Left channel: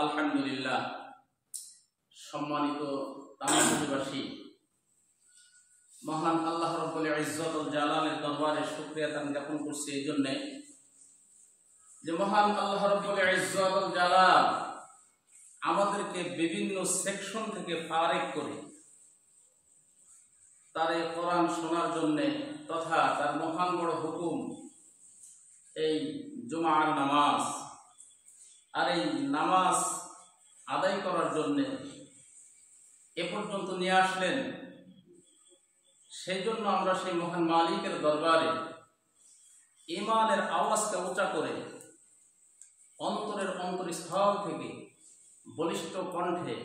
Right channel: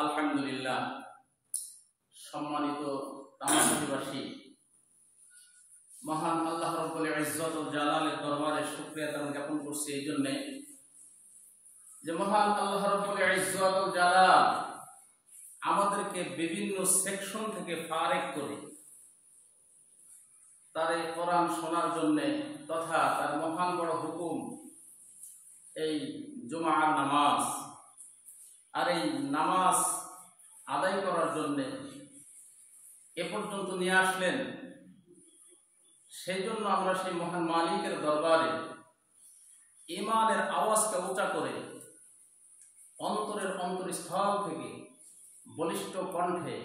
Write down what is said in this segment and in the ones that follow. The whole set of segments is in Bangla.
আলহামদুলিল্লাহ, সম্মানিত তামাশাবাসী, মহান আল্লাহ রাব্বুল ইজ্জত ওয়াল জালালের দরবারে শুকরিয়া জ্ঞাপন করছি এই জন্যে যে মহান আল্লাহ রাব্বুল ইজ্জত ওয়াল জালাল আমাদেরকে বিভিন্ন সেকশন থেকে ফারেক করে তার এই কোরআন শোনার জন্যে তথা তার মহান বড় হুকুম এই জুমার নামাজ আর এই নামাজ আদায় করার জন্যে এ পর্যন্ত নিয়ে আসলেন। সেই জন্য আমরা সেই মহান মালিকের দরবারে ঈমানের আওয়াজকে উঁচা করে অন্তরের অন্তরস্থল থেকে বলিষ্ঠ কণ্ঠে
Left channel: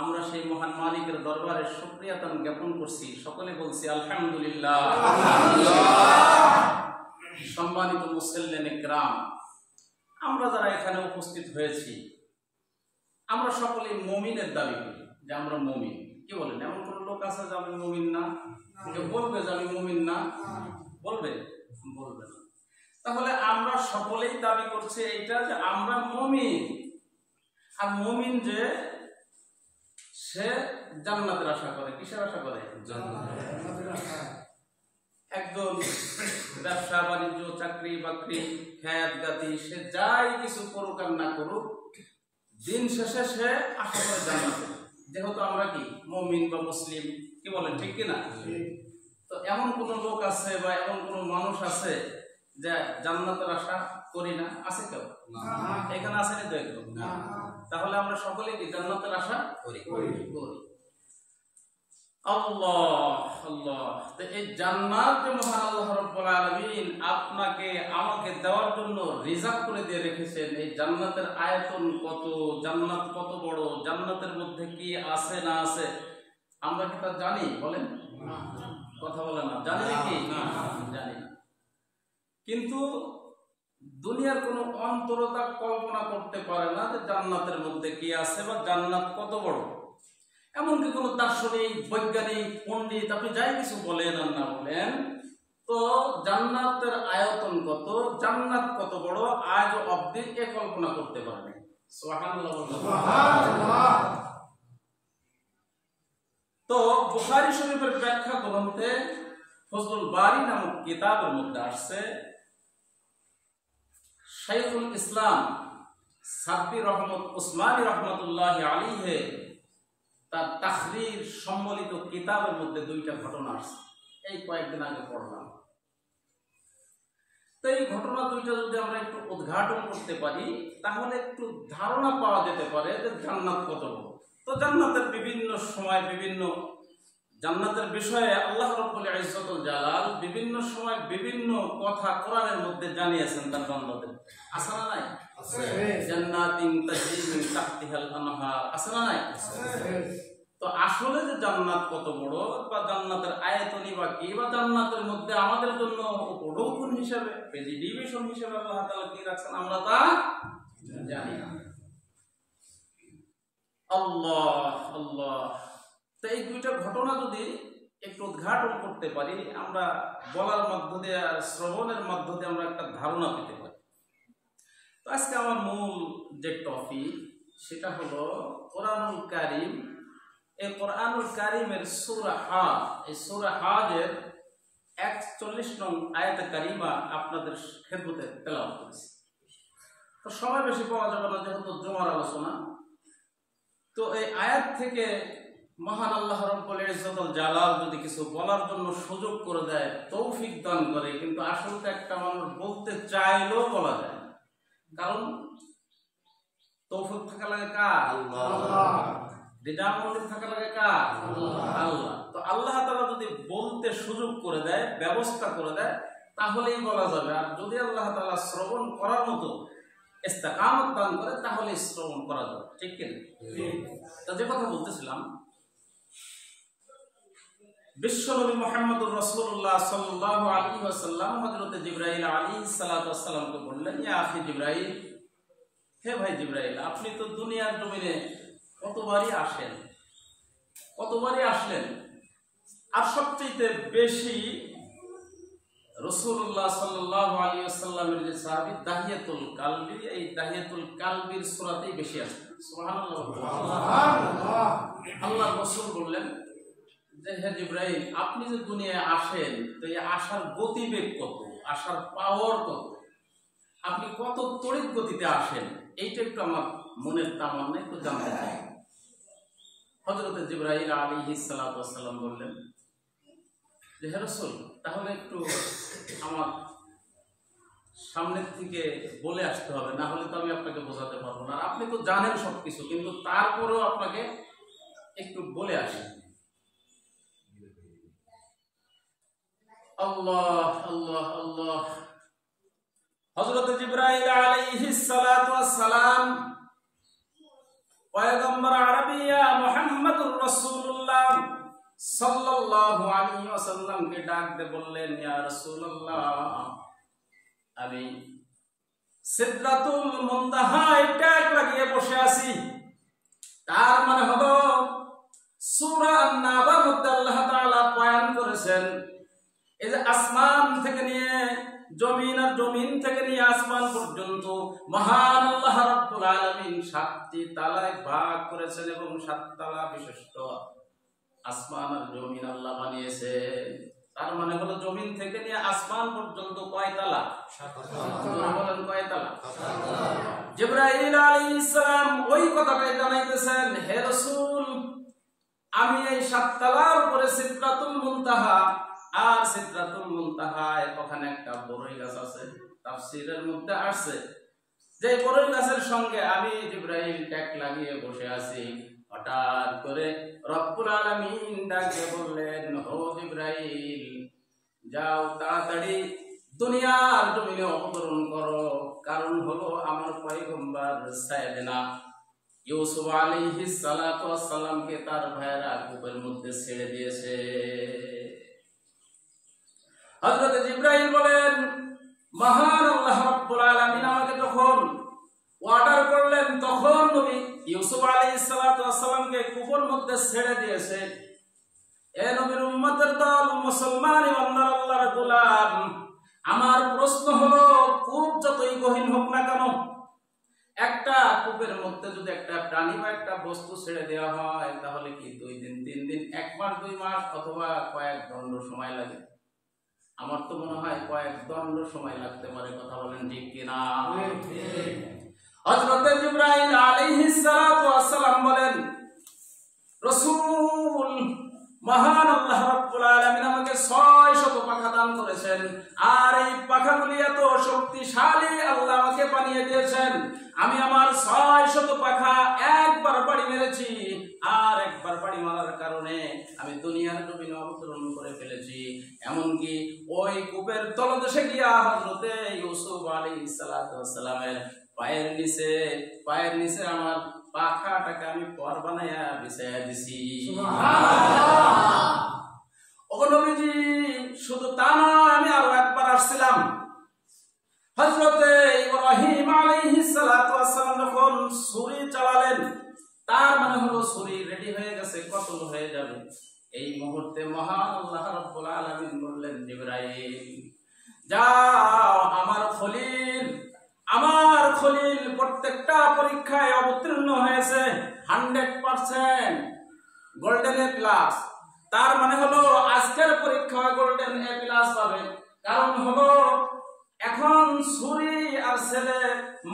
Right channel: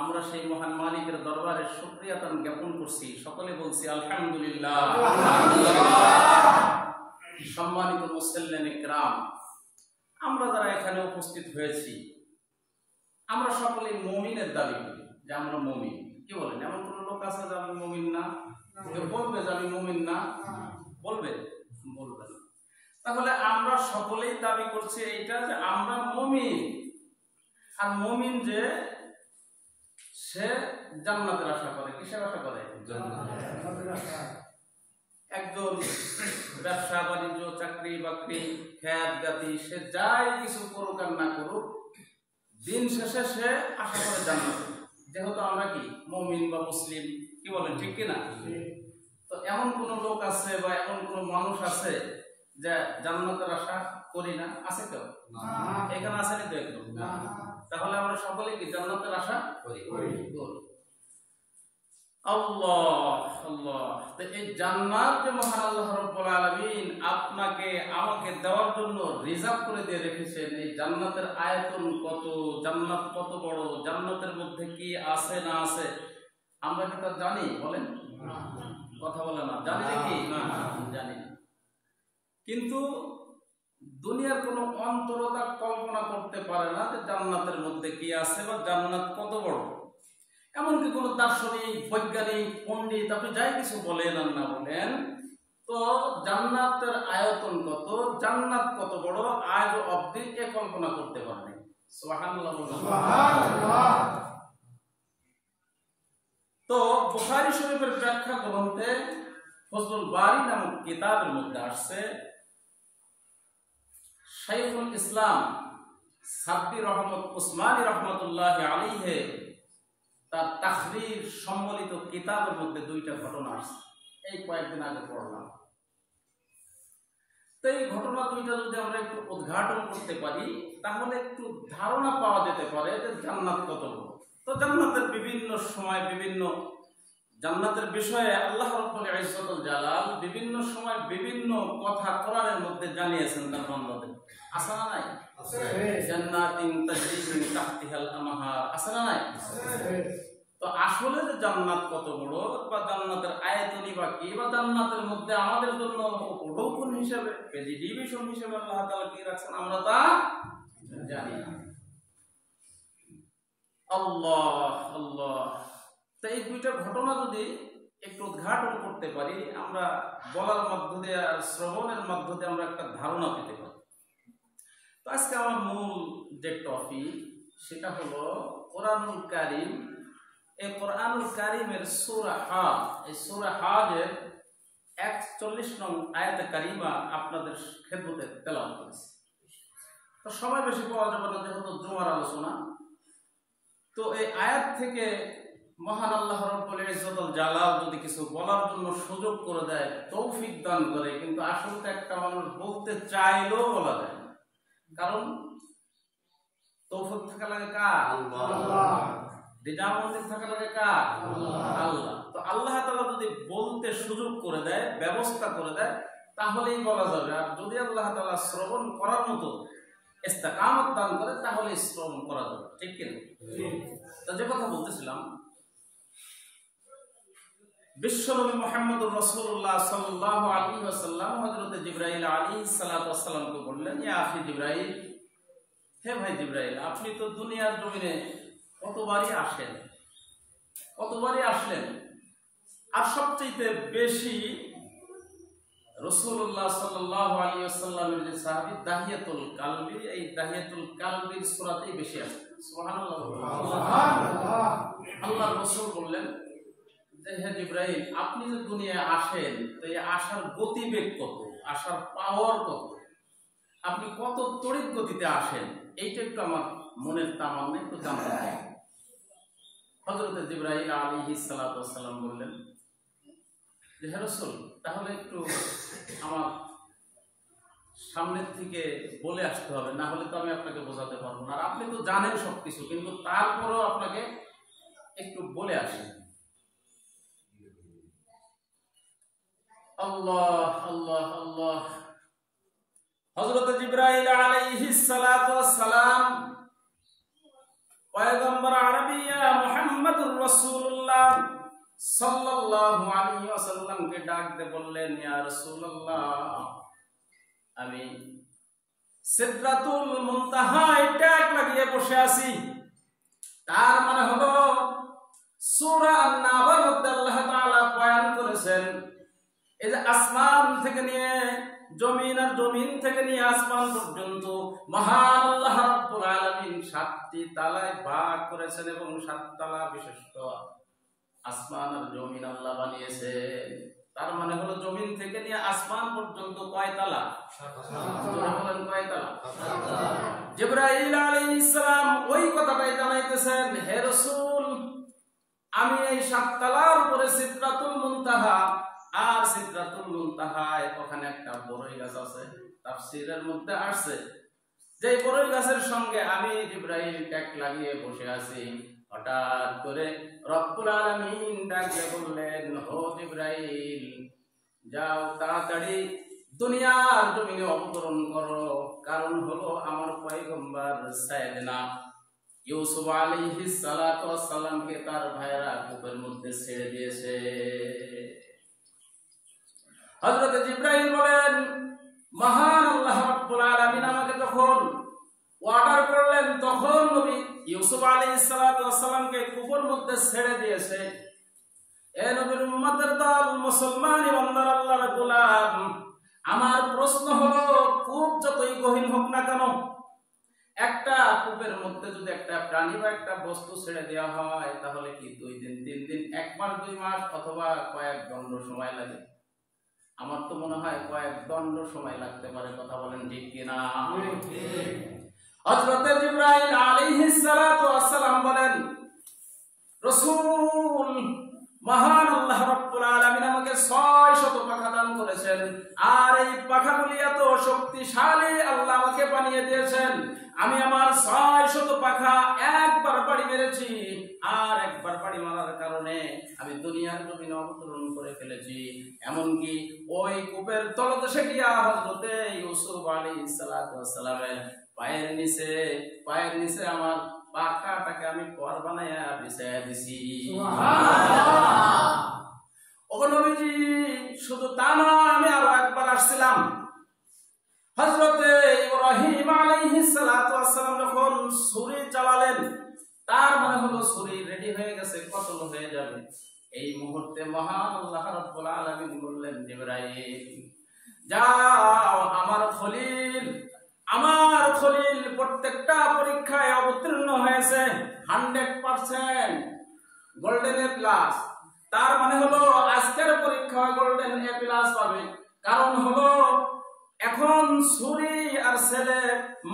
আমরা সেই মহান মালিকের দরবারে শুকরিয়া জ্ঞাপন করছি। সকলে বলছি আলহামদুলিল্লাহ। সম্মানিত মুসল্লিনে কিরাম, আমরা যারা এখানে উপস্থিত হয়েছি আমরা সকলেই মুমিনের দাবি করি যে আমরা মুমিন। কি বলেন? এমন কোন লোক আছে যে আমি মুমিন না? কেউ বলবে যে আমি মুমিন না? বলবে? বলবে না। তাহলে আমরা সকলেই দাবি করছি এইটা যে আমরা মুমিন। আর মুমিন যে সে জান্নাতের আশা করে। কিসের আশা করে? জান্নাতের আশা। একজন ব্যবসা বাণিজ্য চাকরি বাকরি খেত গাতি সে যাই কিছু করুক আর না করুক, দিন শেষে সে আশা করে জান্নাত। যেহেতু আমরা কি মুমিন বা মুসলিম, কি বলেন? ঠিক কিনা? তো এমন কোন লোক আছে বা এমন কোন মানুষ আছে যে জান্নাতের আশা করি না? আছে কেউ? এখানে আসেনি তো একদম। তাহলে আমরা সকলে কি জান্নাতের আশা করি? আল্লাহ আল্লাহ। তো এই জান্নাত যে মহান আল্লাহ রাব্বুল আলামিন আপনাকে আমাকে দেওয়ার জন্য রিজার্ভ করে দিয়ে রেখেছেন, এই জান্নাতের আয়তন কত, জান্নাত কত বড়, জান্নাতের মধ্যে কি আছে না আছে আমরা কি তা জানি? বলেন, কথা বলে না। জানি নাকি? জানি না। কিন্তু দুনিয়ার কোনো অন্তরতা কল্পনা করতে পারে না যে জান্নাতের মধ্যে কি আছে বা জান্নাত কত বড়। এমনকি কোনো দার্শনিক, বৈজ্ঞানিক, পণ্ডিত আপনি যাই কিছু বলেন আর না বলেন, তো জান্নাতের আয়তন কত, জান্নাত কত বড় আজ অবধি এ কল্পনা করতে পারেনি। সুবহানাল্লাহ। তো বুখারী শরীফের ব্যাখ্যা গ্রন্থে ফজলুল বারী নামক কিতাবের মধ্যে আসছে, শাইখুল ইসলাম সাব্বির রহমত উসমানী রহমতুল্লাহি আলাইহি তার তাহরির সম্বলিত কিতাবের মধ্যে দুইটা ঘটনা আসছে। এই কয়েকদিন আগে পড়লাম। তো এই ঘটনা দুইটা যদি আমরা একটু উদ্ঘাটন করতে পারি তাহলে একটু ধারণা পাওয়া যেতে পারে যে জান্নাত কত বড়। তো জান্নাতের বিভিন্ন সময় বিভিন্ন জান্নাতের বিষয়ে আল্লাহ রাব্বুল ইজ্জত ওয়াল জালাল বিভিন্ন সময় বিভিন্ন কথা কোরআনের মধ্যে জানিয়েছেন তার বান্দাদের। আছে না নাই? আছে। জান্নাতিন তাজরি মিন তাহতিহাল আনহার। আছে না নাই? আছে। তো আসলে যে জান্নাত কত বড় বা জান্নাতের আয়তনই বা কি বা জান্নাতের মধ্যে আমাদের জন্য উপঢৌকন হিসেবে প্রেডিভিশন হিসেবে আল্লাহ তাআলা কি রাখছেন আমরা তা জানি না। আল্লাহ আল্লাহ। তো এই দুইটা ঘটনা যদি একটু উদ্ঘাটন করতে পারি আমরা বলার মধ্য দিয়ে আর শ্রবণের মধ্য দিয়ে আমরা একটা ধারণা পেতে পারি। তো আজকে আমার মূল যে টপিক সেটা হলো কোরআনুল কারীম। এই কোরআনুল কারীমের সূরা হাজ, এই সূরা হাজের 41 নং আয়াতে কারিমা আপনাদের খেদমতে তেলাওয়াত করেছি। তো সময় বেশি পাওয়া যাবে না যেহেতু জুমার আলোচনা। তো এই আয়াত থেকে মহান আল্লাহ রাব্বুল ইজ্জত ওয়াল জালাল যদি কিছু বলার জন্য সুযোগ করে দেয়, তৌফিক দান করে, কিন্তু আসলে একটা মানুষ বলতে চাইলেও বলা যায় না। কারণ তৌফিক থাকা লাগে কার? আল্লাহ। দিদামন্দির থাকা লাগে কার? আল্লাহ। তো আল্লাহ তাআলা যদি বলতে সুযোগ করে দেয়, ব্যবস্থা করে দেয়, তাহলেই বলা যাবে। আর যদি আল্লাহ তাআলা শ্রবণ করার মতো ইস্তেকামত দান করে তাহলে শ্রবণ করা যাবে। ঠিক কিনা? তো যে কথা বলতেছিলাম, বিশ্বনবী মুহাম্মদুর রাসূলুল্লাহ সাল্লাল্লাহু আলাইহি ওয়াসাল্লাম হযরত জিবরাইল আলাইহিস সালাতু ওয়াসসালামকে বললেন, ইয়া আখি জিবরাইল, হে ভাই জিবরাইল, আপনি তো দুনিয়ার জমিনে কতবারই আসেন, কতবারই আসলেন, আর সবচেয়ে বেশি রাসূলুল্লাহ সাল্লাল্লাহু আলাইহি ওয়াসাল্লামের যে সাহাবী দাহিয়াতুল কালবি, এই দাহিয়াতুল কালবির সূরাতেই বেশি আসছে। সুবহানাল্লাহ। আল্লাহর রাসূল বললেন যে হে জিবরাইল, আপনি যে দুনিয়ায় আসেন তো এই আসার গতিবেগ কত, আসার পাওয়ার কত, আপনি কত তড়িৎ গতিতে আসেন, এইটা একটু আমার মনের তামান্না একটু জানতে চাই। হযরত জিবরাইল আলাইহিস সালাতু ওয়াস সালাম বললেন যে হে রাসূল, তাহলে একটু আমার সামনের থেকে বলে আসতে হবে, না হলে তো আমি আপনাকে বোঝাতে পারবো না। আর আপনি তো জানেন সবকিছু, কিন্তু তারপরেও আপনাকে একটু বলে আসেন। আল্লাহ আল্লাহ আল্লাহ। হযরত জিবরাইল আলাইহিস সালাতু ওয়াস সালাম পয়গম্বর আরবিয়া মুহাম্মদুর রাসূলুল্লাহ সাল্লাল্লাহু আলাইহি ওয়াসাল্লামকে ডাক দিয়ে বললেন, ইয়া রাসূলুল্লাহ, আমি সিদরাতুল মুনতাহায় ট্যাগ লাগিয়ে বসে আছি। তার মানে হলো সূরা আন-নাবার মধ্যে আল্লাহ তাআলা বয়ান করেছেন এই যে আসমান থেকে নিয়ে জমিন, আর জমিন থেকে নিয়ে আসমান পর্যন্ত মহান আল্লাহ রাব্বুল আলামিন 7টি তালায় ভাগ করেছেন এবং 7 তালা বিশিষ্ট আসমান আর জমিন আল্লাহ বানিয়েছেন। তার মানে হলো জমিন থেকে নিয়ে আসমান পর্যন্ত কয় তালা? 7 তালা। বলেন কয় তালা? 7 তালা। জিবরাইল আলাইহিস সালাম ওই কথাটাই জানাইতেছেন, হে রাসূল, আমি এই 7 তালার উপরে সিদরাতুল মুনতাহা, আর সিদরাতুল মুনতাহায় ওখানে একটা বড়ই গাছ আছে। তাফসীরের মধ্যে আসছে যে বড়ই গাছের সঙ্গে আমি জিবরাইল ট্যাগ লাগিয়ে বসে আছি। হঠাৎ করে রব্বুল আলামিন ডাকে বললেন, ও জিবরাইল, যাও তাড়াতাড়ি দুনিয়ার জমিনে অবতরণ করো, কারণ হলো আমার পয়গম্বর সাইয়েদনা ইউসুফ আলাইহিস সালাতু ওয়াস সালামকে তার ভাইরা কূপের মধ্যে ছেড়ে দিয়েছে। হযরত জিবরাইল বলেন, মহান আল্লাহ রাব্বুল আলামিন আমাকে যখন অর্ডার করলেন, তখন নবী ইউসুফ আলাইহিস সালাতু ওয়াস সালামকে কূপের মধ্যে ছেড়ে দিয়েছে। এ নবীর উম্মতের দল, মুসলমান ইমানদার আল্লাহর গোলাম, আমার প্রশ্ন হলো, কূপ যতই গহীন হোক না কেন, একটা কূপের মধ্যে যদি একটা প্রাণী বা একটা বস্তু ছেড়ে দেওয়া হয়, তাহলে কি 2 দিন 3 দিন, 1 মাস 2 মাস অথবা কয়েক দণ্ড সময় লাগে? আমার তো মনে হয় কয়েক দণ্ড সময় লাগতে পারে। কথা বলেন ঠিক কিনা? হযরত জিবরাইল আলাইহিস সালাতু ওয়াস সালাম বলেন, রাসূল, মহান আল্লাহ রাব্বুল আলামিন আমাকে 600 পাখা দান করেছেন, আর এই পাখাগুলি এত শক্তিশালী আল্লাহ আমাকে বানিয়ে দিয়েছেন। আমি আমার 600 পাখা একবার বাড়ি মেরেছি, আর একবার বাড়ি মারার কারণে আমি দুনিয়ার জমিনে অবতরণ করে ফেলেছি। এমনকি ওই কূপের তলদেশে গিয়া হযরতে ইউসুফ আলাইহিস সালাতু ওয়াস সালামের পায়ের নিচে আমার পাখাটাকে আমি পর বানায়া বিছায়া দিছি। ও নবীজি, শুধু তা নয়, আমি আরো একবার আসছিলাম। হযরতে ইব্রাহিম আলাইহিস সালাতু ওয়াস সালাম যখন ছুরি চালালেন, তার মানে হলো ছুরি রেডি হয়ে গেছে, কতল হয়ে যাবে। এই মুহূর্তে মহান আল্লাহ রাব্বুল আলামিন বললেন, জিবরাইল, যাও, আমার খলিল প্রত্যেকটা পরীক্ষায় অবতীর্ণ হয়েছে 100% গোল্ডেন এ প্লাস। তার মানে হলো আজকের পরীক্ষায় গোল্ডেন এ প্লাস পাবে। কারণ হলো এখন ছুরি আর ছেলে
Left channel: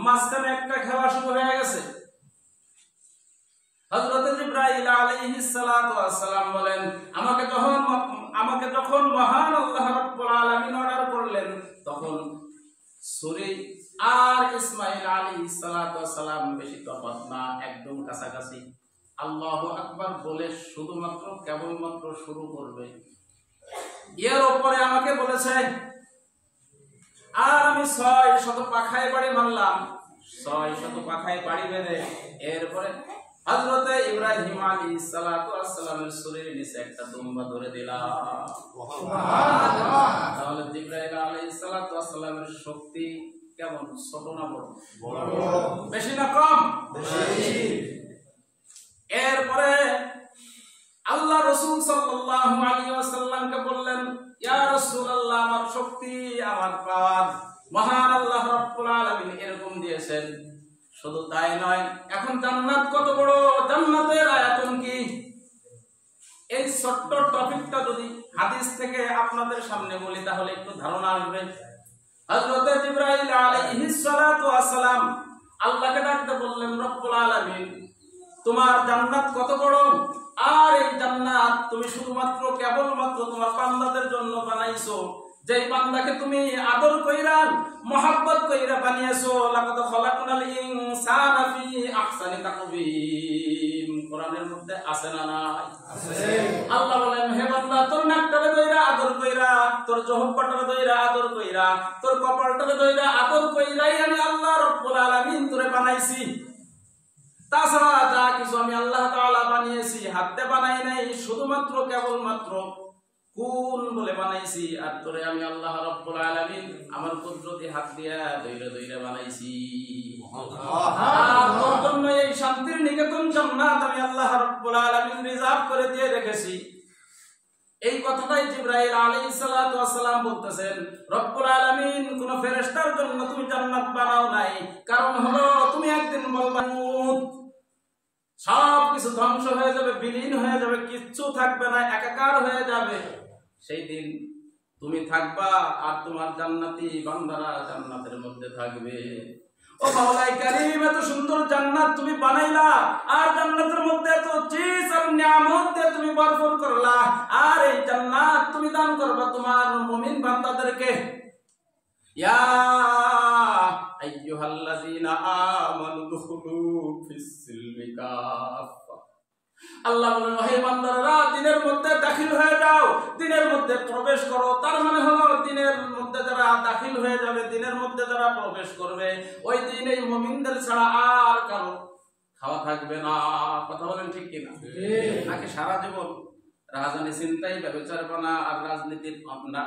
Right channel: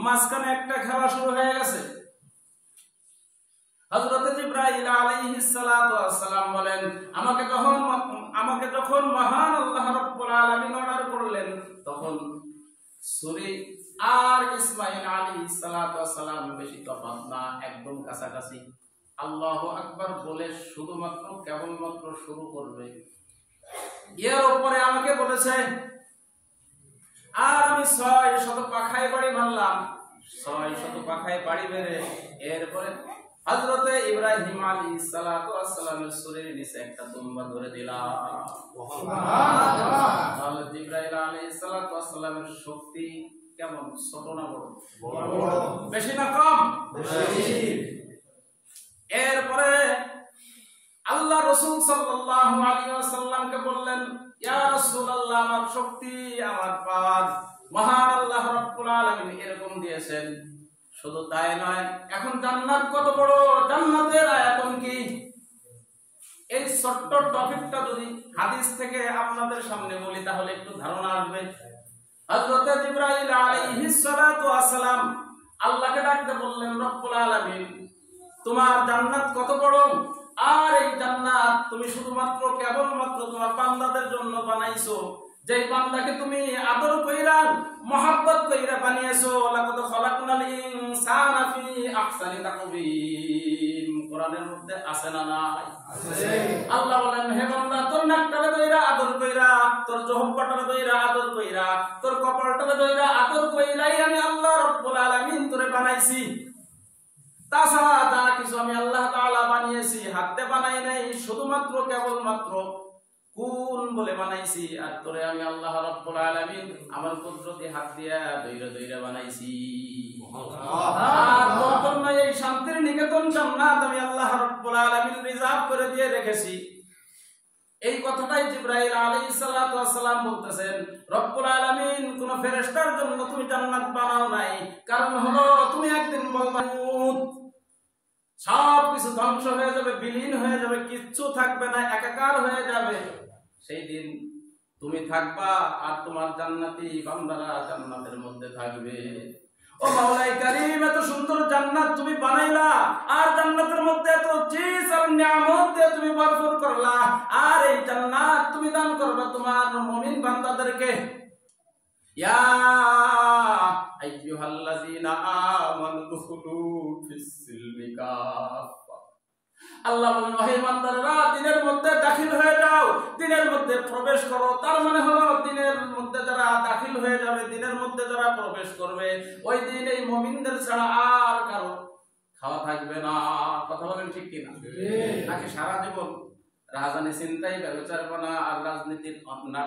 মাঝখানে একটা খেলা শুরু হয়ে গেছে। হযরত জিবরাইল আলাইহিস সালাতু ওয়াস সালাম বলেন, আমাকে যখন মহান আল্লাহ রাব্বুল আলামিন অর্ডার করলেন, তখন ছুরি আর ইসমাঈল আলাইহিস সালাতু ওয়াস সালাম বেশি তফাৎ না, একদম কাছাকাছি। আল্লাহু আকবার বলে শুধুমাত্র কেবলমাত্র শুরু করবে, এর উপরে আমাকে বলেছে, আর আমি 600 পাখায় বাড়ি মারলাম। 600 পাখায় বাড়ি বেঁধে এরপরে হযরতে ইব্রাহিম আলাইহিস সালাতু ওয়াস সালামের শরীরের নিচে একটা দুম্বা ধরে দিলাম। সুবহানাল্লাহ। তাহলে জিবরাইল আলাইহিস সালাতু ওয়াস সালামের শক্তি কেমন? ছোট না বড়? বড়। বেশি না কম? বেশি। এরপরে আল্লাহ রাসূল সাল্লাল্লাহু আলাইহি ওয়াসাল্লামকে বললেন, ইয়া রাসূলুল্লাহ, আমার শক্তি দিয়েছেন। শুধু তাই নয়, এখন জান্নাত কত বড়, জান্নাতের আয়তন কি, এই ছোট্ট টপিকটা যদি হাদিস থেকে আপনাদের সামনে বলি তাহলে একটু ধারণা আসবে। হযরত জিবরাইল আলাইহিস সালাতু ওয়াস সালাম আল্লাহকে ডাকতে বললেন, রব্বুল আলামিন তোমার জান্নাত কত বড়, আর এই জান্নাত তুমি শুধুমাত্র কেবলমাত্র তোমার বান্দাদের জন্য বানাইছো, যেই বান্দাকে তুমি আদর কইরা মহব্বত কইরা বানিয়েছো। লাকাদ খালাকনাল ইনসানা ফি আহসানি তাকওয়িম, কোরআনের মধ্যে আছে না নাই? আছে। আল্লাহ বলেন, হে বান্দা তোর নাকটারে ধইরা আদর কইরা, তোর জহব্বাটারে ধইরা আদর কইরা, তোর কপালটারে ধইরা আদর কইরাই আমি আল্লাহ রব্বুল আলামিন তোরে বানাইছি। তাছাড়া যা কিছু আমি আল্লাহ তাআলা বানিয়েছি হাতে বানাই নাই, শুধুমাত্র কেবলমাত্র কোন বলে বানাইছি, আর তোরে আমি আল্লাহ রব্বুল আলামিন আমার কুদরতি হাত দিয়া দইরা দইরা বানাইছি। আর তোর জন্য এই শান্তির নিকেতন জান্নাত আমি আল্লাহ রব্বুল আলামিন রিজার্ভ করে দিয়ে রেখেছি। এই কথাটাই জিবরাইল আলাইহিস সালাতু ওয়াস সালাম বলতেছেন, রব্বুল আলামিন কোন ফেরেশতার জন্য তুমি জান্নাত বানাও নাই, কারণ হলো তুমি একদিন বলবা সব কিছু ধ্বংস হয়ে যাবে, বিলীন হয়ে যাবে, কিচ্ছু থাকবে না, একাকার হয়ে যাবে। সেই দিন তুমি থাকবা আর তোমার জান্নাতি বান্দারা জান্নাতের মধ্যে থাকবে। ও মাওলাই কারীম, এত সুন্দর জান্নাত তুমি বানাইলা, আর জান্নাতের মধ্যে এত চিজ আর নিয়ামত দিয়ে তুমি ভরপুর করলা, আর এই জান্নাত তুমি দান করবা তোমার মুমিন বান্দাদেরকে। ইয়া আইয়ুহাল্লাযীনা আমানু দুখুলু ফিস সিলমি কাফা, আল্লাহ বলেন, হে বান্দারা দ্বীনের মধ্যে দাখিল হয়ে যাও, দ্বীনের মধ্যে প্রবেশ করো। তার মানে হলো দ্বীনের মধ্যে যারা দাখিল হয়ে যাবে, দ্বীনের মধ্যে যারা প্রবেশ করবে, ওই দিন এই মুমিনদের ছাড়া আর কারো খাওয়া থাকবে না। কথা বলেন ঠিক কিনা? নাকি সারা জীবন রাজধানী চিন্তাই, ব্যভিচারপনা আর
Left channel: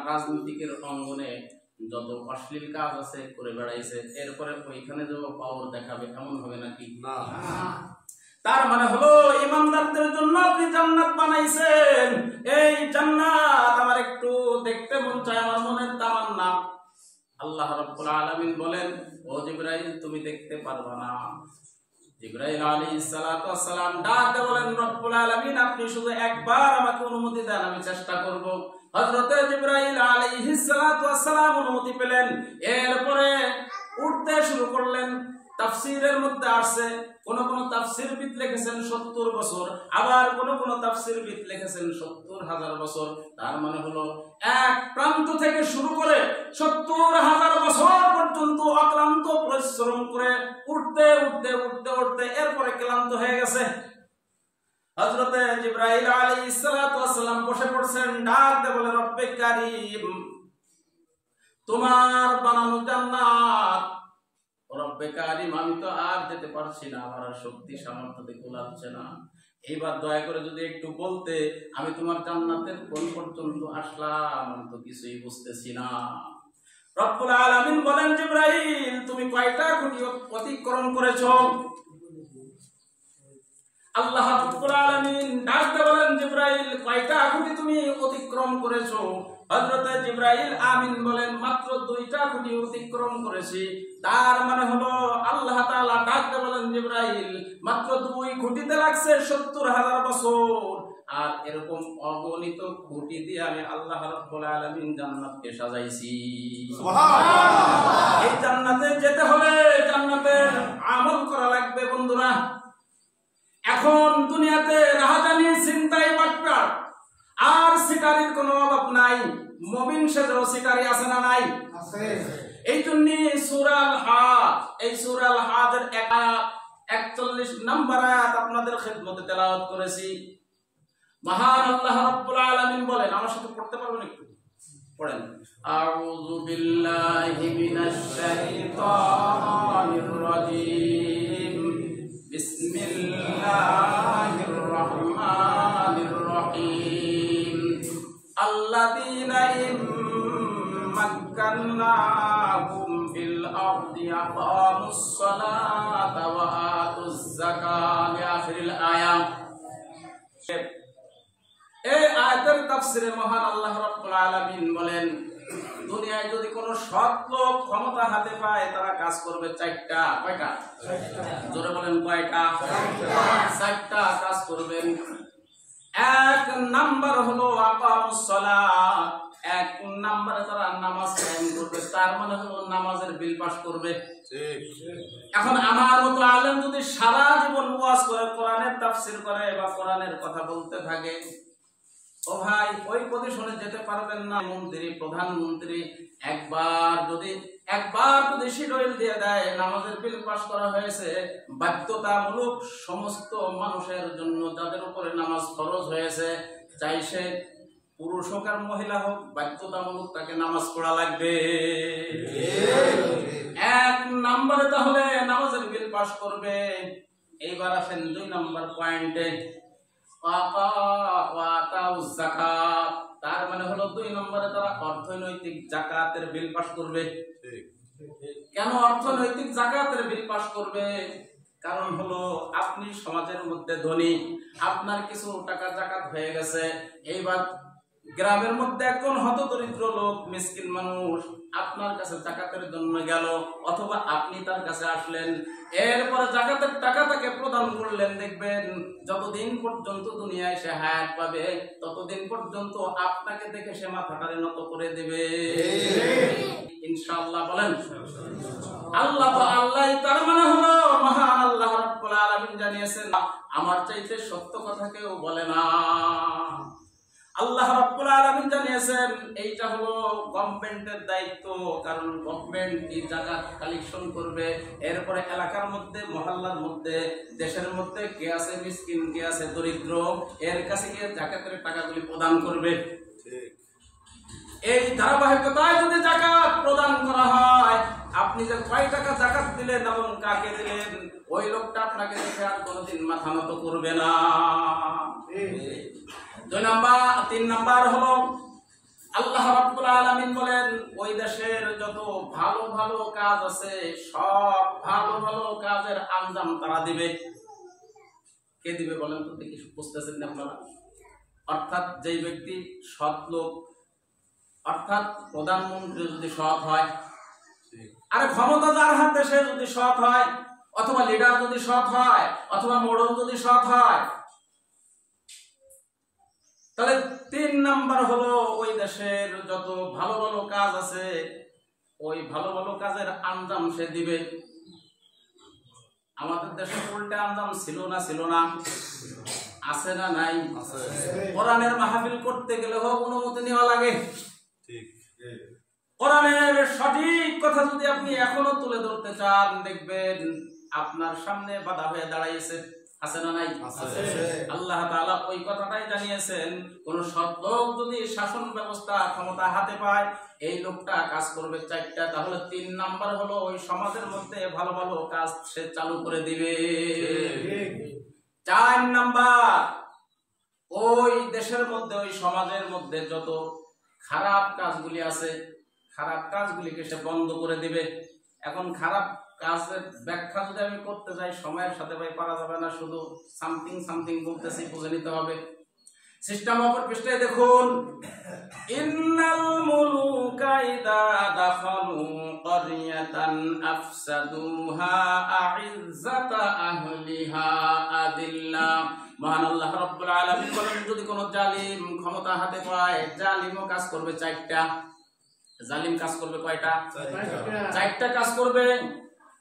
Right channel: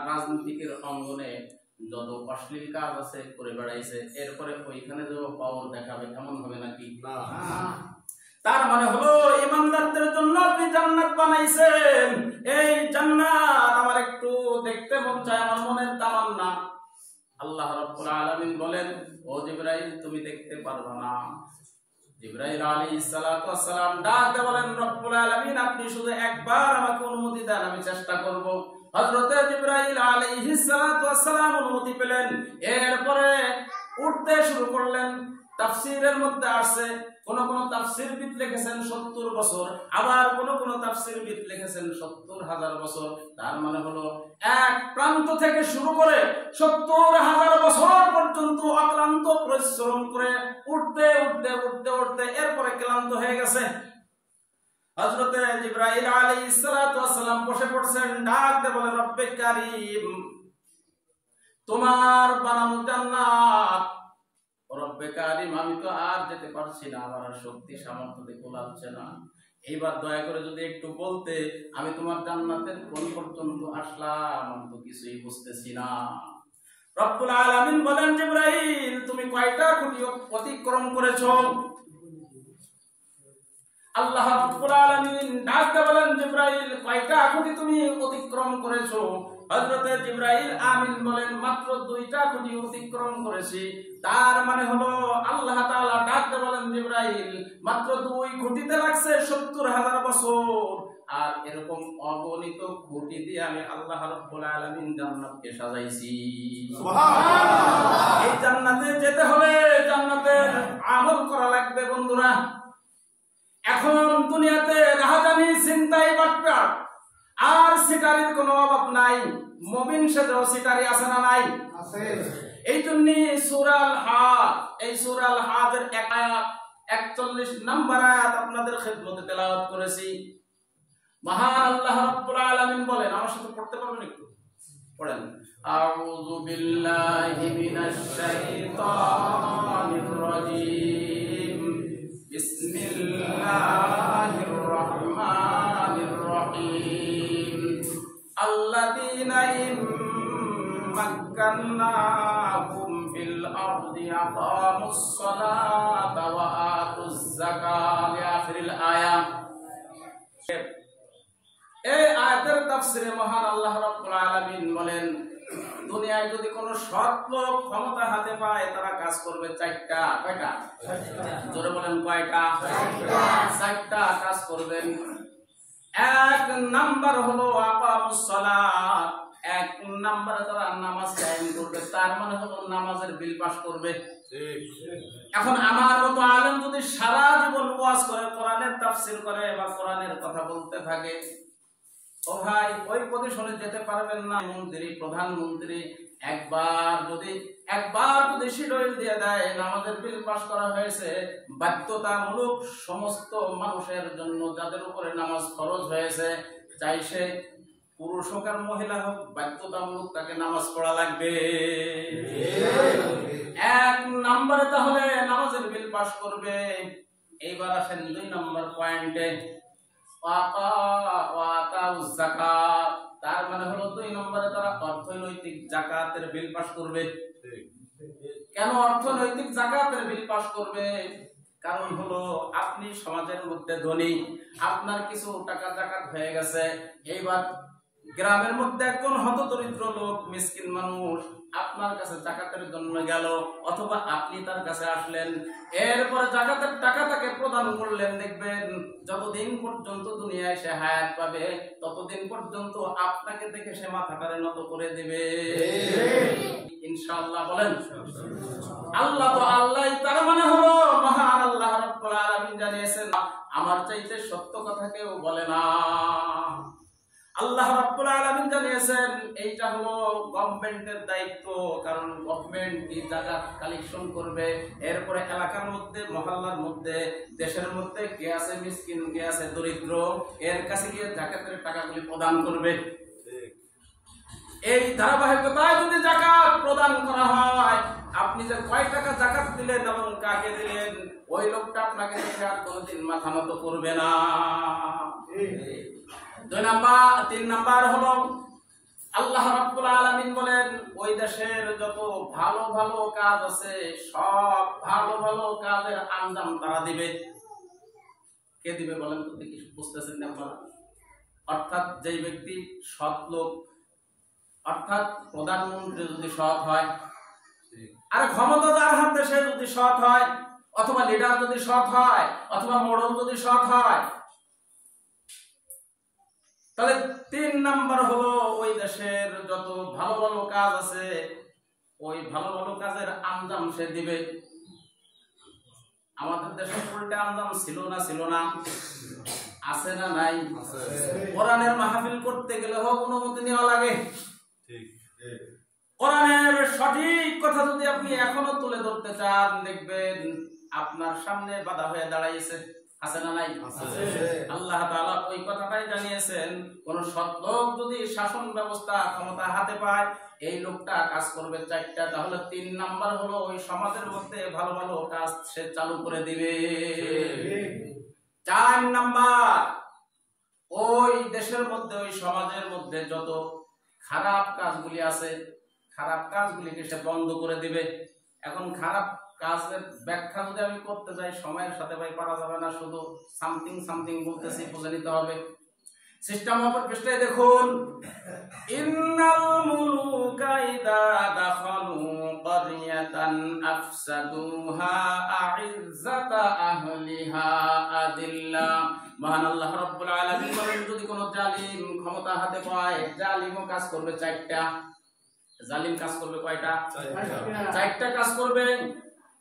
রাজনীতিকের অঙ্গনে যত অশ্লীল কাজ আছে করে বেড়াইছে, এরপরে ওইখানে যে পাওয়ার দেখাবে, এমন হবে নাকি? না। তার মানে হলো ইমানদারদের জন্য আপনি জান্নাত বানাইছেন। এই জান্নাত আমার একটু দেখতে মন চায়, আমার মনের তামান্না। আল্লাহ রাব্বুল আলামিন বলেন, ও জিবরাইল তুমি দেখতে পারবা না। জিবরাইল আলাইহিস সালাতু ওয়াস সালাম ডাকতে বলেন, রব্বুল আলামিন আপনি শুধু একবার আমাকে অনুমতি দেন, আমি চেষ্টা করব। হযরত জিবরাইল আলাইহিস সালাতু ওয়াস সালাম অনুমতি পেলেন, এরপরে উঠতে শুরু করলেন। তাফসীরের মধ্যে আসছে, কোন কোন তাফসীরবিদ লিখেছেন 70 বছর, আবার কোন কোন তাফসীরবিদ লিখেছেন 70,000 বছর। তার মানে হলো এক প্রান্ত থেকে শুরু করে 70,000 বছর পর্যন্ত অক্লান্ত পরিশ্রম করে উঠতে উঠতে উঠতে উঠতে এরপরে ক্লান্ত হয়ে গেছে। হযরতে জিবরাইল আলাইহিস সালাতু ওয়াস সালাম বসে পড়ছেন, ডাক দিয়ে বলে, রব্বে কারীম তোমার বানানো জান্নাত, রব্বে কারীম আমি তো আর যেতে পারছি না, আমার আর শক্তি সামর্থ্য দিয়ে কুলাচ্ছে না, এইবার দয়া করে যদি একটু বলতে, আমি তোমার জান্নাতের কোন পর্যন্ত আসলাম আমি তো কিছুই বুঝতেছি না। রব্বুল আলামিন বলেন, জিবরাইল তুমি কয়টা খুঁটি অতিক্রম করেছো? আল্লাহ রাব্বুল আলামিন ডাকতে বলেন, জিবরাইল কয়টা খুঁটি তুমি অতিক্রম করেছো? হযরতে জিবরাইল আমিন বলেন, মাত্র 2টা খুঁটি অতিক্রম করেছি। তার মানে হলো আল্লাহ তাআলা ডাকতে বলেন, জিবরাইল মাত্র 2 খুঁটিতে লাগছে 70,000 বছর, আর এরকম অগণিত খুঁটি দিয়ে আমি আল্লাহ রাব্বুল আলামিন জান্নাতকে সাজাইছি। সুবহানাল্লাহ। এই জান্নাতে যেতে হলে জান্নাতের আমল করা লাগবে বন্ধুরা। এখন দুনিয়াতে রাহাজানি, চিন্তাই, বাটপাট আর সিটারির কোনো অভাব নাই। মুমিন সেজেও সিটারি আছে না নাই? আছে। এই জন্য সূরা আল-হাজ, এই সূরা আল-হাজের 41 নম্বর আয়াত আপনাদের খিদমতে তেলাওয়াত করেছি। মহান আল্লাহ রাব্বুল আলামিন বলেন, আমার সাথে পড়তে পারবেন একটু? পড়েন। আউযু বিল্লাহি মিনাশ শাইতানির রাজীম। বিসমিল্লাহির রহমানির রহিম। আল্লাযীনা ইম্মাক্কান্নাহুম ফিল আরদি আকামুস সালাতা ওয়া আতুজ যাকাত, আখিরিল আয়াত। এই আয়াতের তাফসিরে মহান আল্লাহ রাব্বুল আলামিন বলেন, দুনিয়ায় যদি কোনো সৎ লোক ক্ষমতা হাতে পায় তারা কাজ করবে চারটা। কয়টা? জোরে বলেন কয়টা? চারটা কাজ করবেন। এক নাম্বার হলো আকামুস সালাত, এক নাম্বারে তারা নামাজ কায়েম করবে, তার মানে হলো নামাজের বিল পাস করবে। এখন আমার মতো আলেম যদি সারা জীবন ওয়াজ করে, কোরআনের তাফসীর করে বা কোরআনের কথা বলতে থাকে, ও ভাই ওই পজিশনে যেতে পারবেন না। মন্ত্রী, প্রধানমন্ত্রী একবার যদি শিডিউল দিয়ে দেয়, নামাজের বিল পাস করা হয়েছে বাধ্যতামূলক সমস্ত মানুষের জন্য, যাদের উপরে নামাজ ফরজ হয়েছে, চাই সে পুরুষ হোক আর মহিলা হোক, বাধ্যতামূলক তাকে নামাজ পড়া লাগবে। এক নম্বরে তাহলে নামাজের বিল পাস করবে। এইবার আসেন 2 নম্বর পয়েন্টে, যাকাত। তার মানে হলো 2 নম্বরে তারা অর্থনৈতিক যাকাতের বিল পাস করবে। কেন অর্থনৈতিক যাকাতের বিল পাস করবে? কারণ হলো আপনি সমাজের মধ্যে ধনী, আপনার কিছু টাকা যাকাত হয়ে গেছে, এইবার গ্রামের মধ্যে একজন হতদরিদ্র লোক, মিসকিন মানুষ আপনার কাছে যাকাতের জন্য গেল, অথবা আপনি তার কাছে আসলেন, এরপরে যাকাতের টাকা তাকে প্রদান করলেন, দেখবেন যতদিন পর্যন্ত দুনিয়ায় সে হায়াত পাবে ততদিন পর্যন্ত আপনাকে দেখে সে মাথাটারে নত করে দেবে। ইনশাআল্লাহ বলেন। আল্লাহ তো আল্লাহ, তার মানে হলো মহান আল্লাহ রাব্বুল আলামিন জানিয়েছেন, আমার চাইতে সত্য কথা কেউ বলে না। আল্লাহ রাব্বুল আলামিন জানিয়েছেন এইটা হলো গভর্নমেন্টের দায়িত্ব, কারণ গভর্নমেন্ট এই যাকাত কালেকশন করবে, এরপরে এলাকার মধ্যে, মহল্লার মধ্যে, দেশের মধ্যে কে আছে মিসকিন, কে আছে দরিদ্র, এর কাছে গিয়ে যাকাতের টাকাগুলি প্রদান করবে। এই ধারাবাহিকতায় যদি যাকাত প্রদান করা হয়, আপনি যে কয় টাকা যাকাত দিলেন এবং কাকে দিলেন, ওই লোকটা আপনাকে দেখে আর কোনোদিন মাথা নত করবে না। 3 নাম্বার হলো আল্লাহ রাব্বুল আলামিন বলেন, ওই দেশের যত ভালো ভালো কাজ আছে সব ভালো ভালো কাজের আঞ্জাম তারা দিবে। কে দিবে বলেন তো দেখি, বুঝতেছেন না আপনারা? অর্থাৎ যেই ব্যক্তি সৎ লোক, অর্থাৎ প্রধানমন্ত্রী যদি সৎ হয়, আর ক্ষমতা যার হাতে সে যদি সৎ হয়, অথবা লিডার যদি সৎ হয়, অথবা মোড়ল যদি সৎ হয়, তাহলে 3 নাম্বার হলো ওই দেশের যত ভালো ভালো কাজ আছে ওই ভালো ভালো কাজের আঞ্জাম সে দিবে। আমাদের দেশে উল্টা আঞ্জাম ছিল না? আছে না নাই? কোরআনের মাহফিল করতে গেলে হোক অনুমতি নেওয়া লাগে। কোরআনের সঠিক কথা যদি আপনি এখনো তুলে ধরতে চান, দেখবেন আপনার সামনে বাধা হয়ে দাঁড়াইছে। আছে না নাই? আল্লাহ তাআলা ওই কথাটাই জানিয়েছেন, কোন সৎ লোক যদি শাসন ব্যবস্থা ক্ষমতা হাতে পায়, এই লোকটা কাজ করবে 4টা। তাহলে 3 নাম্বার হলো ওই সমাজের মধ্যে ভালো ভালো কাজ সে চালু করে দিবে। 4 নাম্বার, ওই দেশের মধ্যে, ওই সমাজের মধ্যে যত খারাপ কাজগুলি আছে, খারাপ কাজগুলিকে সে বন্ধ করে দিবে। এখন খারাপ কাজের ব্যাখ্যা যদি আমি করতে যাই, সময়ের সাথে ভাই পারা যাবে না, শুধু সামথিং বলতেছি, বুঝে নিতে হবে। সিস্টেম অফ পৃষ্ঠায় দেখুন, ইন্নাল মুলুকা ইযা দাখালু ক্বরিয়াতান আফসাদুহা আইজ্জাতা আহলিহা আদিল্লা। মহান আল্লাহ রাব্বুল আলামিন বলেন, যদি কোনো জালিম ক্ষমতা হাতে পায়, জালিমও কাজ করবে 4টা। জালিম কাজ করবে কয়টা? 4টা কাজ করবে।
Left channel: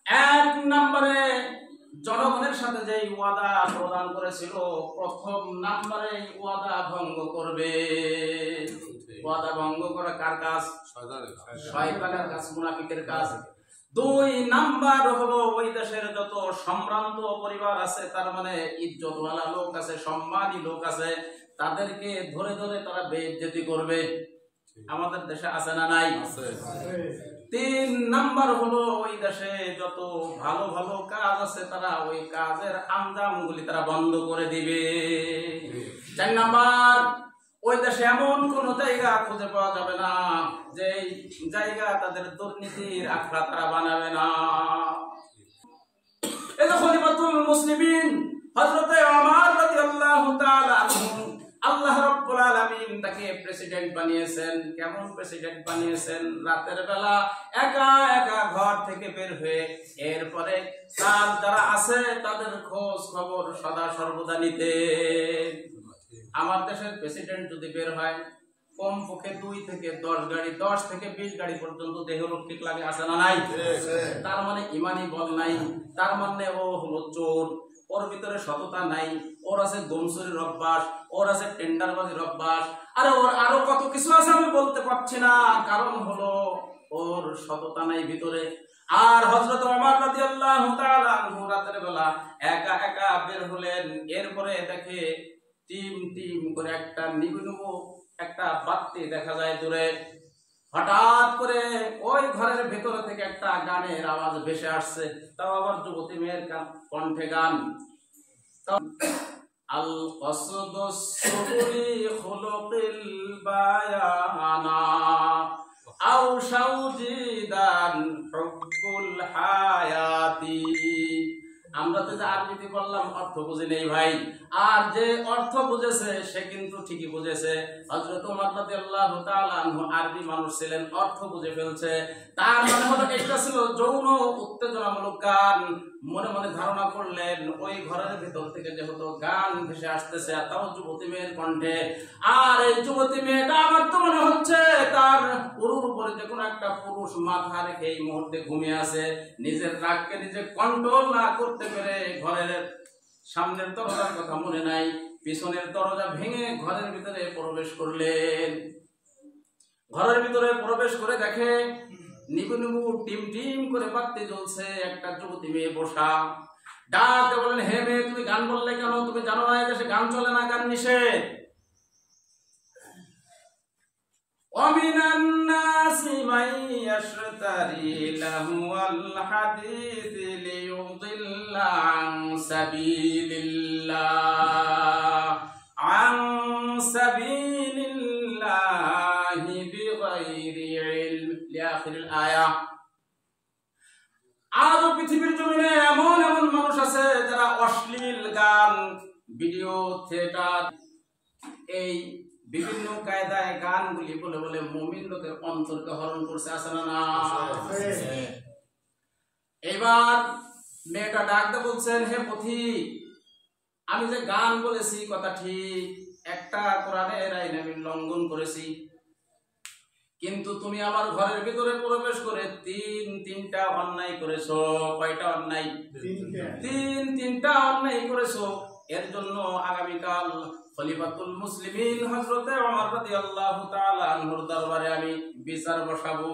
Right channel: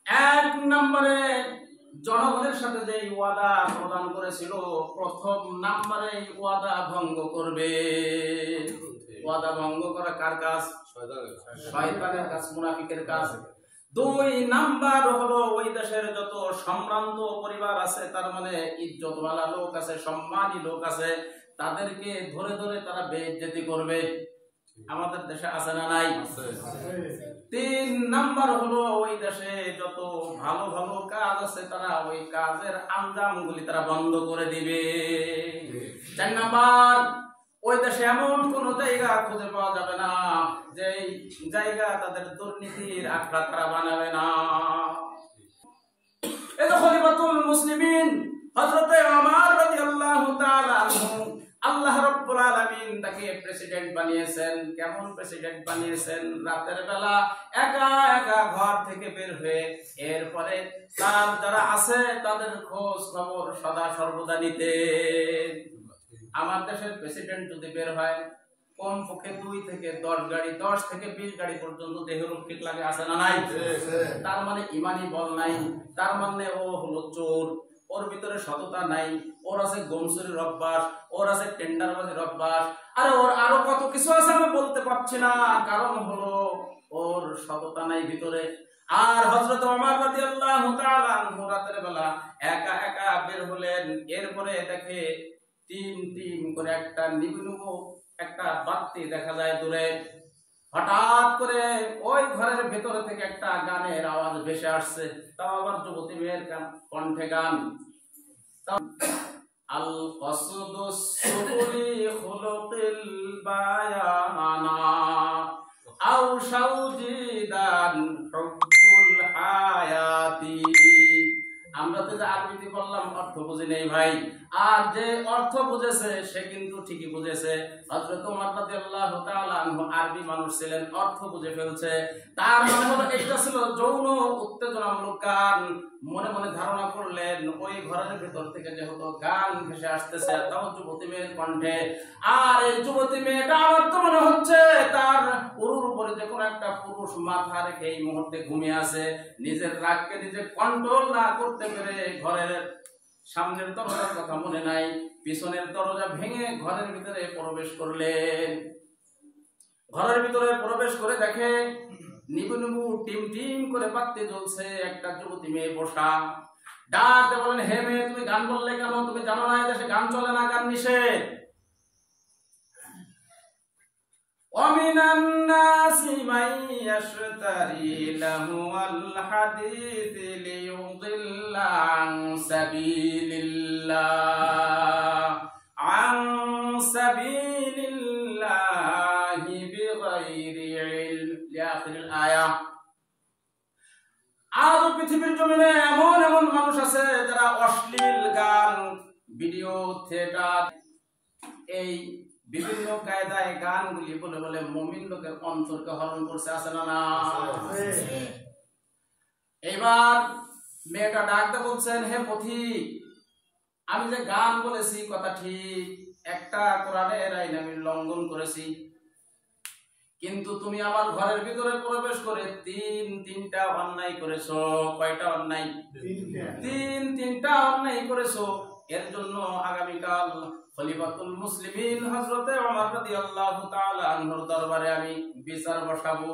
1 নম্বরে জনগণের সাথে যে ওয়াদা প্রদান করেছিল, প্রথম নম্বরে ওয়াদা ভঙ্গ করবে। ওয়াদা ভঙ্গ করা কার কাজ? শয়তানের কাজ, মুনাফিকের কাজ। 2 নাম্বার হলো ওই দেশের যত সম্ভ্রান্ত পরিবার আছে, তার মানে ইজ্জতওয়ালা লোক আছে, সম্মানী লোক আছে, তাদেরকে ধরে ধরে তারা বেইজ্জতি করবে। আমাদের দেশে আছে না নাই? 3 নাম্বার হলো ওই দেশে যত ভালো ভালো কাজ আছে, তারা ওই কাজের আঞ্জামগুলি তারা বন্ধ করে দিবে। 4 নাম্বার, ওই দেশে এমন কোন জায়গা খুঁজে পাওয়া যাবে না যে জায়গা তাদের দুর্নীতির আখড়া তারা বানাবে না। এই যে খলিফাতুল মুসলিমিন হযরতে ওমর রাদিয়াল্লাহু তাআলা আনহু, আল্লাহ রাব্বুল আলামিন তাকে প্রেসিডেন্ট বানিয়ে বানিয়েছেন। কেমন প্রেসিডেন্ট বানিয়েছেন? রাতের বেলা একা একা ঘর থেকে বের হয়ে এরপরে তার যারা আছে তাদের খোঁজ খবর সদা সর্বদা নিতেন। আমার দেশের প্রেসিডেন্ট যদি বের হয় কমপক্ষে 2 থেকে 10 গাড়ি, 10 থেকে 20 গাড়ি পর্যন্ত দেহরক্ষিক লাগে, আছে না নাই? তার মানে ইমানি বল নাই, তার মানে ও হলো চোর, ওর ভিতরে সততা নাই, ওর আছে গমচুরির অভ্যাস, ওর আছে টেন্ডারবাজির অভ্যাস, আরে ওর আরো কত কিছু আছে আমি বলতে পারছি না, কারণ হলো ওর সততা নাই ভিতরে। আর হযরত ওমর রাদিয়াল্লাহু তাআলা আনহু রাতের বেলা একা একা বের হলেন, এরপরে দেখে টিম টিম করে একটা নিবু একটা বাতি দেখা যায় দূরে। হঠাৎ করে ওই ঘরের ভেতরে থেকে একটা গানের আওয়াজ ভেসে আসছে, তাও আবার যুবতী মেয়ের কণ্ঠে গান। আল কসদুস সুবুলি খুলুকিল বায়ানা আও শাউজিদান হুব্বুল হায়াতি। আমরা তো যে আরবিতে বললাম অর্থ বুঝি নেই ভাই, আর যে অর্থ বুঝেছে সে কিন্তু ঠিকই বুঝেছে। হযরত ওমর রাদিয়াল্লাহু তাআলা আনহু আরবি মানুষ ছিলেন, অর্থ বুঝে ফেলছে। তার মানে হলো এটা ছিল যৌন উত্তেজনামূলক গান। মনে মনে ধারণা করলেন ওই ঘরের ভিতর থেকে যেহেতু গান ভেসে আসতেছে, তাও যুবতী মেয়ের কণ্ঠে, আর এই যুবতী মেয়েটা আমার তো মনে হচ্ছে তার উরুর উপরে যে কোনো একটা পুরুষ মাথা রেখে এই মুহূর্তে ঘুমিয়ে আছে। নিজের রাগকে নিজে কন্ট্রোল না করতে পেরে ঘরের সামনের দরজার কথা মনে নাই, পিছনের দরজা ভেঙে ঘরের ভিতরে প্রবেশ করলেন। ঘরের ভিতরে প্রবেশ করে দেখে নিবু নিবু টিম টিম করে বাতি জ্বলছে, একটা যুবতী মেয়ে বসা। ডাক দিয়ে বলেন, হে মেয়ে, তুমি গান বললে কেন? তুমি জানো না এই দেশে গান চলে না, গান নিষেধ। وَمِنَ النَّاسِ مَن يَشْتَرِي لَهْوَ الْحَدِيثِ لِيُضِلَّ عَن سَبِيلِ اللَّهِ بِغَيْرِ عِلْمٍ لِآخِرِ الْآيَةِ। আজ পৃথিবীর জমিনে এমন এমন মানুষ আছে যারা অশ্লীল গান, ভিডিও, থিয়েটার, এই বিভিন্ন কায়দায় গানগুলি বলে বলে মুমিন লোকের অন্তরকে হরণ করছে, আছে না না? এবার মেয়েটা ডাকতে বলছেন, হে পথিক, আমি যে গান বলেছি কথা ঠিক, একটা কোরআনের আইন আমি লঙ্ঘন করেছি, কিন্তু তুমি আমার ঘরের ভিতরে প্রবেশ করে তিনটা অন্যায় করেছো। কয়টা অন্যায়? তিনটা অন্যায় করেছো। এর জন্য আগামীকাল খলিফাতুল মুসলিমিন হযরতে ওমর রাদিয়াল্লাহু তাআলা আনহুর দরবারে আমি বিচার বসাবো।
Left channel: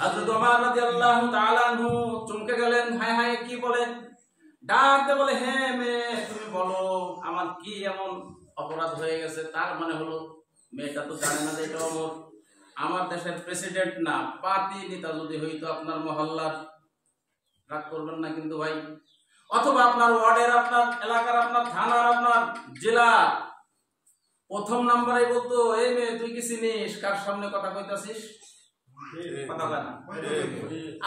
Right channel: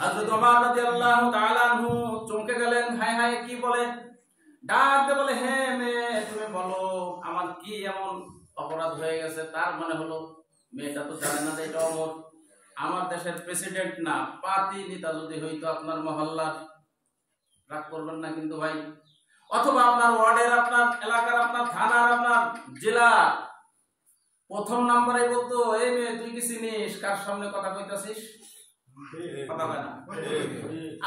হযরত ওমর রাদিয়াল্লাহু তাআলা আনহু চমকে গেলেন, হায় হায়, কি বলে? ডাক দিয়ে বলে, হে মেয়ে, তুমি বলো আমার কি এমন অপরাধ হয়ে গেছে? তার মানে হলো মেয়েটা তো জানে না যে এটা ওমর, আমার দেশের প্রেসিডেন্ট না, পার্টি নেতা যদি হইতো আপনার মহল্লার, রাগ করবেন না কিন্তু ভাই, অথবা আপনার ওয়ার্ডের, আপনার এলাকার, আপনার থানার, আপনার জেলার প্রথম নাম্বারে বলতো, এই মেয়ে তুই কি চিনিস? কার সামনে কথা কইতাছিস? কথা কয় না।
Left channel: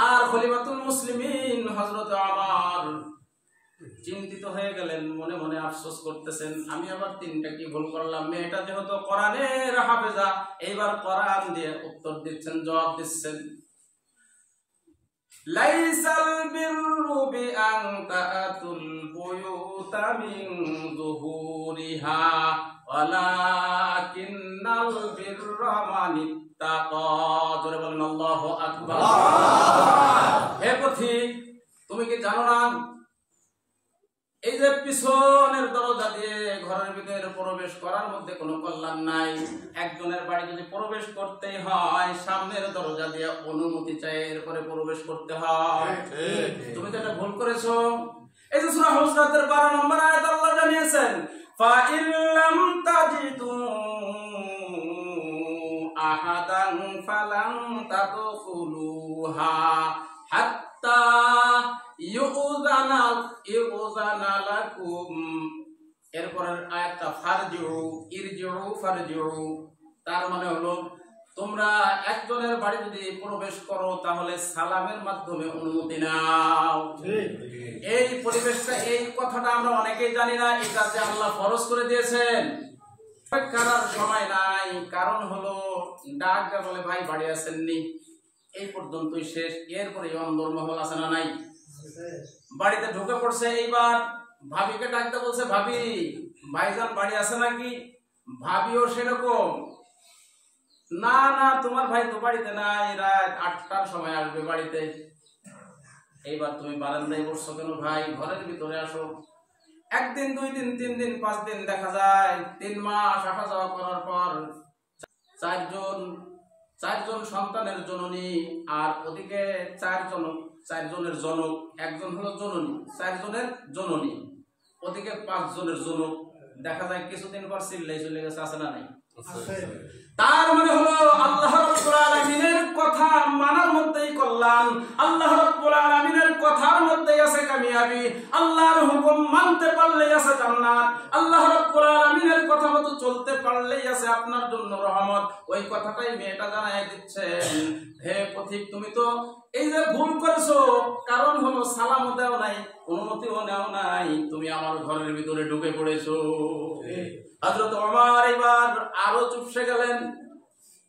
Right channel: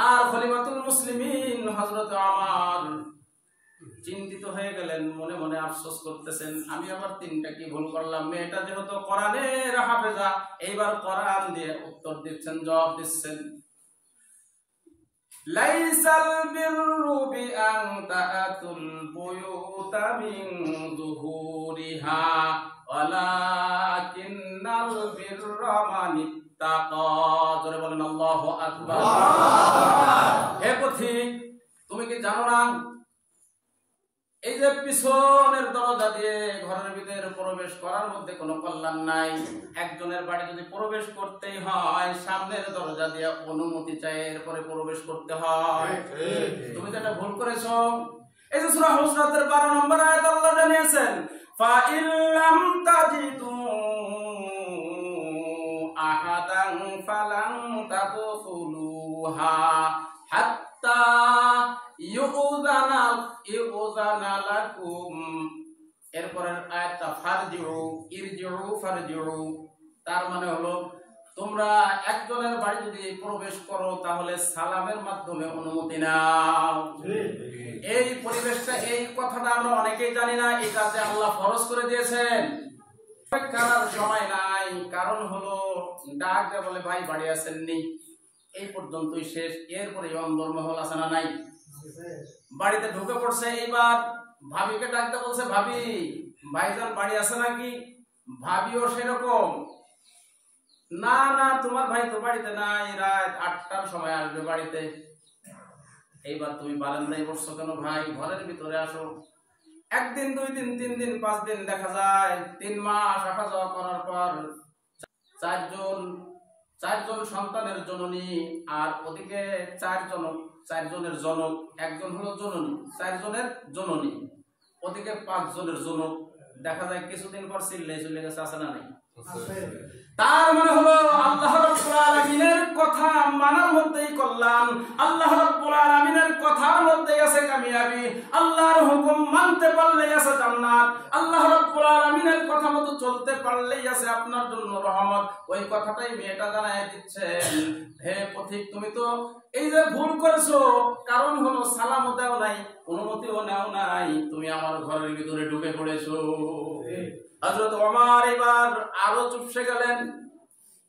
আর খলিফাতুল মুসলিমিন হযরত ওমর চিন্তিত হয়ে গেলেন, মনে মনে আফসোস করতেছেন, আমি আবার তিনটা কি ভুল করলাম? মেয়েটা যেহেতু কোরআনের হাফেজা, এইবার কোরআন দিয়ে উত্তর দিচ্ছেন, জবাব দিচ্ছেন। লাইসাল বিররু বিআন তাআতুল বুয়ুতা মিন যুহুরিহা ওয়ালাকিন্নাল বিররা মান ইত্তাকা। জোরে বলেন আল্লাহু আকবার। হে পথিক, তুমি কি জানো না এই যে পিছনের দরজা দিয়ে ঘরের ভিতরে প্রবেশ করার মধ্যে কোনো কল্যাণ নাই। একজনের বাড়ি যদি প্রবেশ করতেই হয় সামনের দরজা দিয়ে অনুমতি চাই, এরপরে প্রবেশ করতে হয়। তুমি তো এটা ভুল করেছো। এই যে সূরা হুজরাতের 12 নম্বর আয়াত আল্লাহ জানিয়েছেন, ফা ইল্লাম তাজিদু আহাদান ফালান তাদখুলুহা হাত্তা ইউযানা লাকুম। এরপরের আয়াতটা ফারজিউ। তার মানে হলো তোমরা একজনের বাড়ি যদি প্রবেশ করো তাহলে সালামের মাধ্যমে অনুমতি নাও। এই পরিবেশটা, এই কথাটা আমরা অনেকেই জানি না, এটা যে আল্লাহ ফরজ করে দিয়েছেন। করার সময় নাই, কারণ হলো ডাক দেয়া বলে ভাই বাড়ি আসেননি, এই পর্যন্তই শেষ। এরপরে অন্দরমহল আছে না নাই, বাড়িতে ঢুকে পড়ছে। এইবার ভাবিকে ডাকতে বলছে, ভাবি ভাইজান বাড়ি আছে নাকি? ভাবিও সেরকম, না না তোমার ভাই তো বাড়িতে নাই, রাত 8টার সময় আসবে বাড়িতে। এইবার তুমি বারান্দায় বসছো কেন ভাই, ঘরের ভিতরে আসো। 1 দিন 2 দিন 3 দিন 5 দিন, দেখা যায় 3 মাস আসা যাওয়া করার পর চারজন সন্তানের জননী, আর ওদিকে 4 জনের জনক, একজন হলো জননী, 4 জনের জননী, ওদিকে 5 জনের জনক। দেখা যায় কিছুদিন পর চিল্লাই চলে গেছে, আছে না নাই? তার মানে হলো আল্লাহ রাব্বুল আলামিনের কথা মানার মধ্যেই কল্যাণ, আল্লাহ রাব্বুল আলামিনের কথার মধ্যেই আছে কামিয়াবি, আল্লাহর হুকুম মানতে পারলেই আছে জান্নাত, আল্লাহ রাব্বুল আলামিনের কথা মতো চলতে পারলেই আছে আপনার জন্য রহমত। ওই কথাটাই মেয়েটা জানায় দিচ্ছেন, হে পথিক তুমি তো এই যে ভুল করেছো, কারণ হলো সালামও দাও নাই, অনুমতিও নাও নাই, তুমি আমার ঘরের ভিতরে ঢুকে পড়েছো। হযরত ওমর এবার আরো চুপসে গেলেন।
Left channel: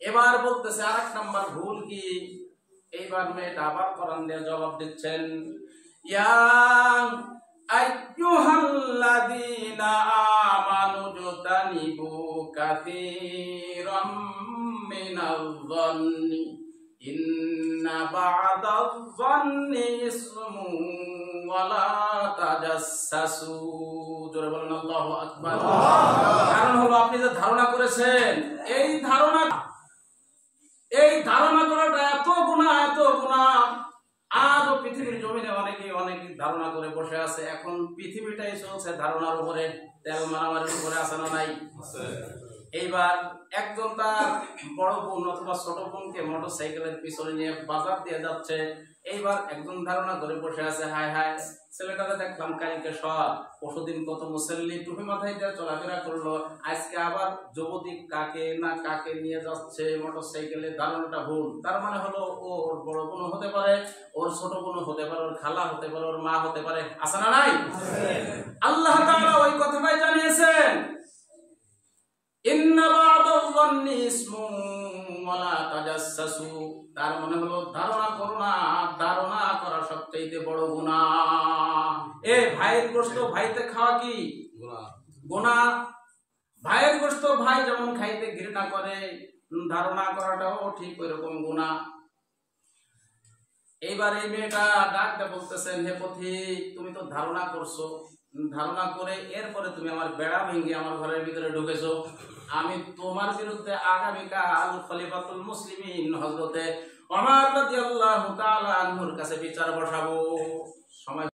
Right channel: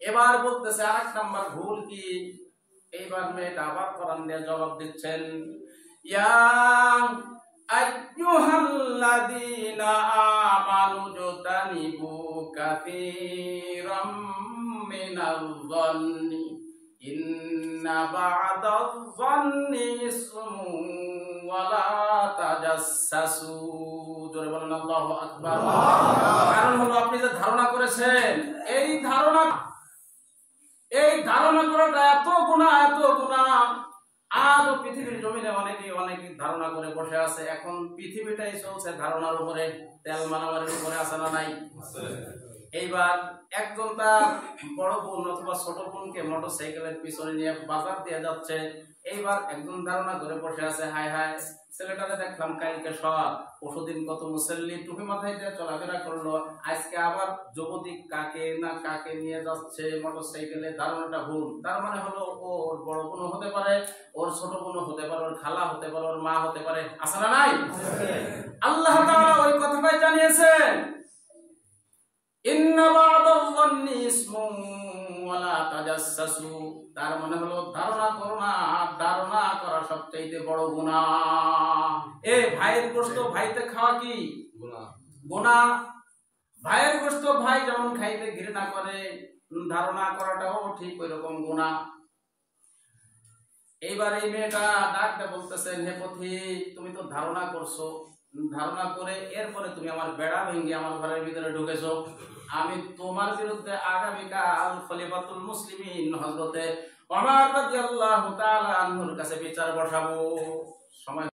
এবার বলতেছে আরেক নাম্বার ভুল কি? এইবার মেয়েটা আবার কোরআন দিয়ে জবাব দিচ্ছেন, ইয়া আইয়ুহাল্লাযীনা আমানু জতানিবু কাসীরাম মিনায-যন্নি ইন্না বা'দায-যন্নি ইসমুন ওয়া লা তাজাসসু। জোরে বলেন আল্লাহু আকবার। কারণ হলো আপনি যে ধারণা করেছেন, এই ধারণা করাটা এত গুনাহ। আজও পৃথিবীর জমিনে অনেকেই ধারণা করে বসে আছে। এখন পৃথিবীটাই চলছে ধারণার উপরে, তেল মারামারির উপরে, আছে না নাই? এইবার একজন তার বড় বোন অথবা ছোট বোনকে মোটরসাইকেলের পিছনে নিয়ে বাজার দিয়ে যাচ্ছে। এইবার একজন ধারণা করে বসে আছে, হায় হায় ছেলেটাকে দেখলাম কালকে সব, পরশুদিন কত মুসল্লি টুপি মাথায় দিয়ে চলাফেরা করলো, আজকে আবার যুবতী কাকে না কাকে নিয়ে যাচ্ছে মোটরসাইকেলে। ধারণাটা ভুল। তার মানে হলো ওর বড় বোনও হতে পারে, ওর ছোট বোনও হতে পারে, ওর খালা হতে পারে, ওর মা হতে পারে, আছে না নাই? আল্লাহ তাআলা ওই কথাটাই জানিয়েছেন, ইন্না বা'দায-যন্নি ইসমুন ওয়া লা তাজাসসু। তার মানে হলো ধারণা করো না, ধারণা করা সবচেয়ে বড় গুনাহ। ভাইয়ের গোশত ভাইতে খাওয়া কি গুনাহ? ভাইয়ের গোশত ভাই যেমন খাইতে ঘৃণা করে, ধারণা করাটাও ঠিক ওই রকম গুনাহ। এইবার এই মেয়েটা ডাকতে বলতেছেন, হে পথিক তুমি তো ধারণা করছো, ধারণা করে এরপরে তুমি আমার বেড়া ভেঙে আমার ঘরের ভিতরে ঢুকেছো। আমি তোমার বিরুদ্ধে আগামীকাল খলিফাতুল মুসলিমিন হযরতে ওমর রাদিয়াল্লাহু তাআলা আনহুর কাছে বিচার বসাবো। সময়